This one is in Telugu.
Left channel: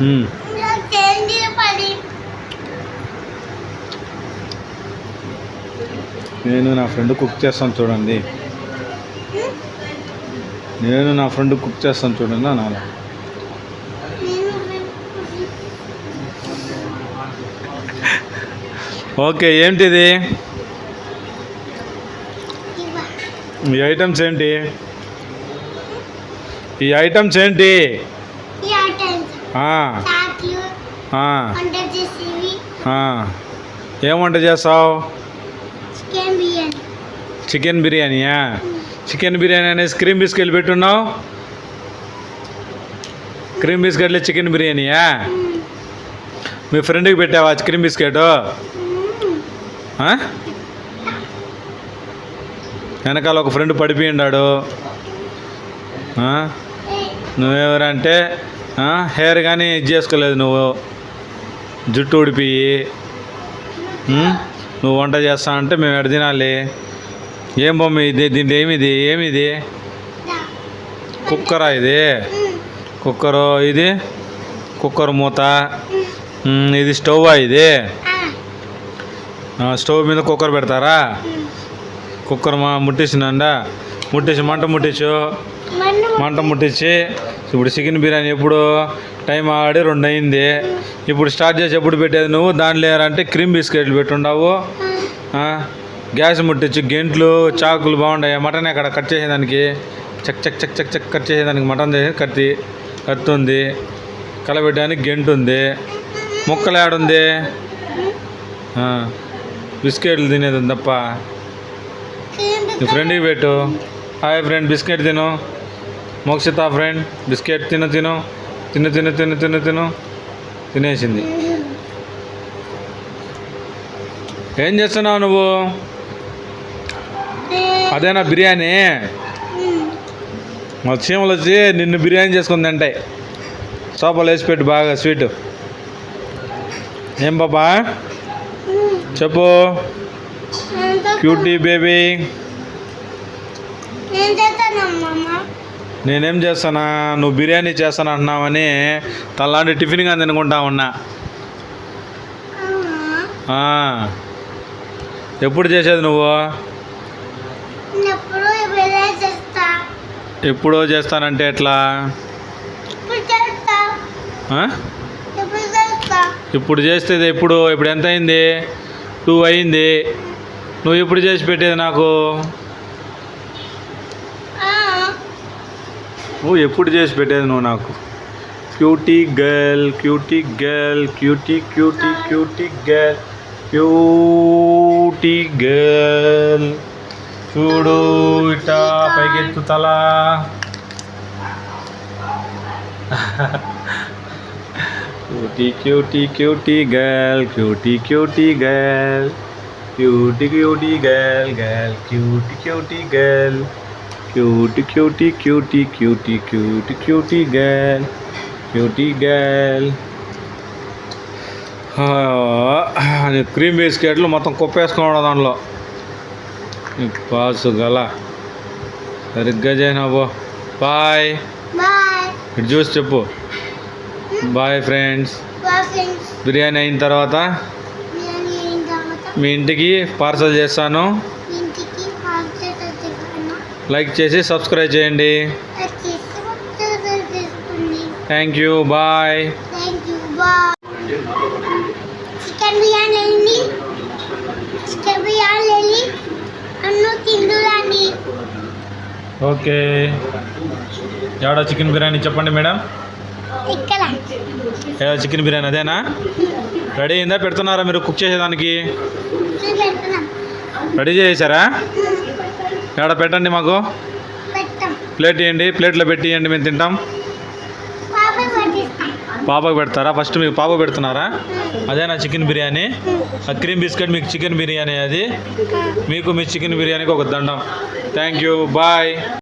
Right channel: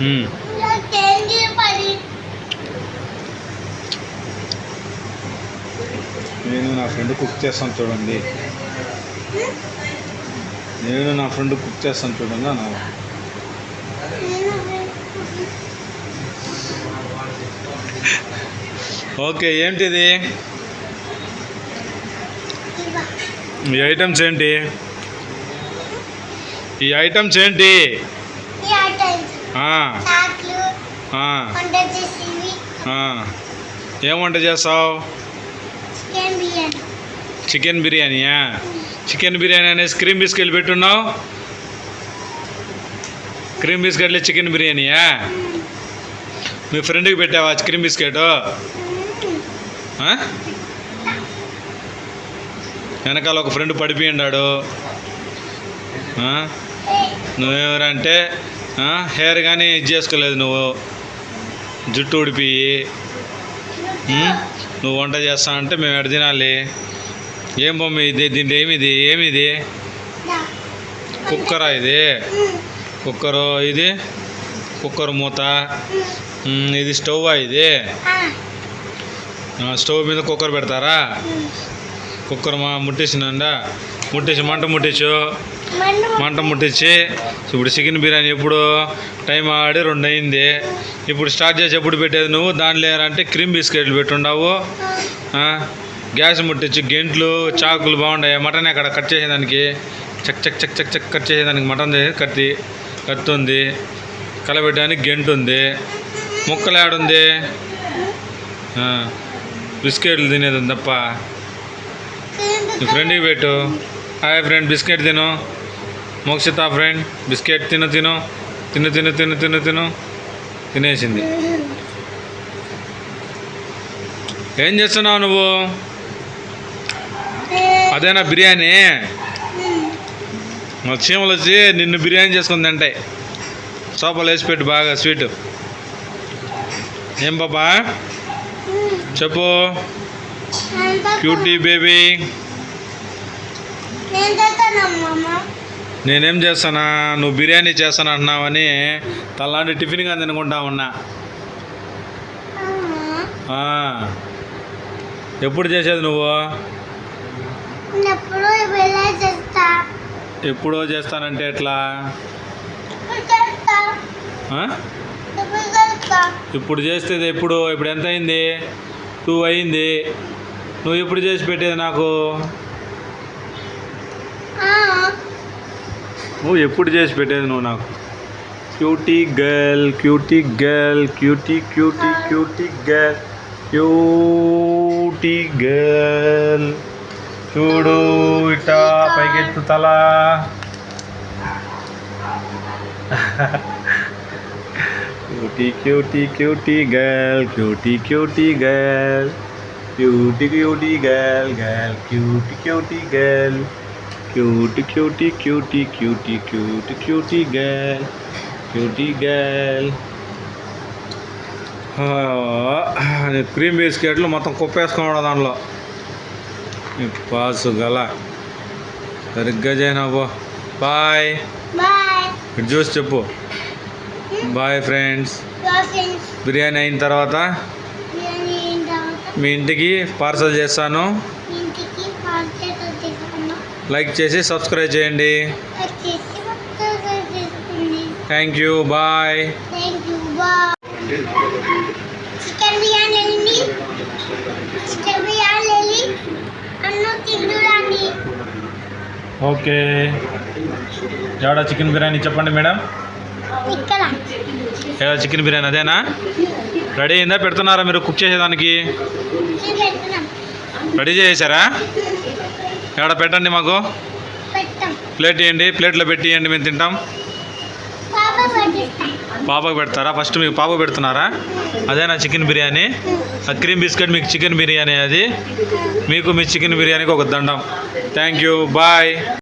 నేను నా ఫ్రెండ్ కుక్ చేస్తాను చూడండి. నేను నా ఫ్రెండ్ కుక్ చేస్తాను చూడండి అన్న. ఓకే, ఏంటిది? ఈ ఐటమ్స్ ఏంటి? ఈ ఐటమ్స్ ఏంటి? ఏం వంట చేస్తావు? చికెన్ బిర్యానీయా? చికెన్ బిర్యానీ అనేసి క్రీమ్ బిస్కెట్లు పెట్టున్నావు. క్రీమ్ బిస్కెట్లు చికెన్ బిర్యానీయా? మీ ఫ్రెండ్కి పెట్టావా క్రీమ్ బిస్కెట్? వెనకాల ఒక ఫ్రెండ్ పడిపోయిండాడు. నువ్వెవరంటే హెయిర్ కానీ ఇది చేసుకోలేదు, నువ్వు జుట్టు ఊడిపోయి నువ్వు వంట చేస్తానంటే మేము ఎడ తినాలి? ఏం బొమ్మ ఇది? దీంట్లో ఏమిది? కుక్కరా ఇది? కుక్కరు ఇది? కుక్కర్ మూత ఇది. స్టవ్వా ఇది? స్టవ్ మీద కుక్కర్ పెడతారా? కుక్కర్ ముట్టించినండా, ముట్టించి మంట ముట్టించి ఇప్పుడు చికెన్ బిర్యానీ ఎప్పుడు టైం ఆడి 2 అయింది. ఇప్పుడు స్టార్ట్ చేసి ఎప్పుడు పెట్టేది నువ్వు? దానిలో అంటే క్రీమ్ బిస్కెట్లు పెట్టుండావు. గ్యాస్ ముట్టించి గెంట్లు చాకులు బాగుంటాయి. మటన్ అక్కడ కట్ చేసేదానికి చక్ చక్ చక్ చక్ చక్ కట్ చేసేదానికి మటన్ కత్తి ఉంది. కలబెట్టడానికి గెంటు ఉంది. ముక్కలు ఏడుంది? బిస్కెట్లు తినేది తప్ప. నీ ఫ్రెండ్కి పెట్టు. హాయ్ ఫ్రెండ్, బిస్కెట్ తిను. మోక్షిత ఫ్రెండ్, బిస్కెట్ తిను. తినేసింది. ఏం చేస్తున్నావు నువ్వు? అదేనా బిర్యానీ? మా చీమలు వచ్చి నిన్ను బిర్యానీ చేసుకుని తింటాయి. సోపాలు వేసి పెట్టు బాగా స్వీట్. ఏం బాబా చెప్పు? Cutie baby. నేనేం చేస్తానా? నువ్వు బిర్యానీ చేస్తాను అంటున్నావని తలాంటి టిఫిన్గా తినుకుంటా ఉన్నా. ఎప్పుడు చేసేది నువ్వు? ఎప్పుడో చేస్తానంటే ఎట్లా? ఇప్పుడు చేస్తే ఇప్పుడు ఎంత అయింది? 2 అయింది. నువ్వు ఎప్పుడు చేసి పెట్టేది నాకు? నువ్వు ఎప్పుడు చేసి పెట్టేది నువ్వు నాకు? క్యూటీ గర్ల్ చూడు ఇట్టా పైకెత్తు తల. క్యూటీ గర్ల్ క్రీమ్ బిస్కెట్లు మొత్తం కుప్పేసుకోవడం దాంట్లో. పాసు గల సరిగ్గా చేయనాబో. బాయ్. ఇటు చూసి చెప్పు. Bye friends. బిర్యానీ అయిన తర్వాత మీ ఇంటికి పార్సల్ చేస్తాను. లైక్ చేసి సబ్స్క్రైబ్ చేయండి. Thank you. Bye. Chicken biryani okay. ఎవడా చికెన్ బిర్యానీ చెప్పండి మేడం. ఏదో చికెన్ బిర్యానీ అదేనా? రెడీ అయిందా? పెడుతున్నారా మీరు కుక్ చేసేదానికి? రెడీ చేసారా? ఎక్కడ పెట్టండి మాకు. ప్లేట్ ఇవ్వండి. ప్లేట్లో పెట్టి ఇవ్వండి, మేము తింటాం. పాపకు పెడతారా? ఫస్ట్ మీకు పాప పెడుతున్నారా? అదేనా చికెన్ బిర్యానీ? ఆ క్రీమ్ బిస్కెట్ మీకు చికెన్ బిర్యానీ. అది మీకు మీ చికెన్ బిర్యానీకి ఒక దండం. Thank you. బాయ్.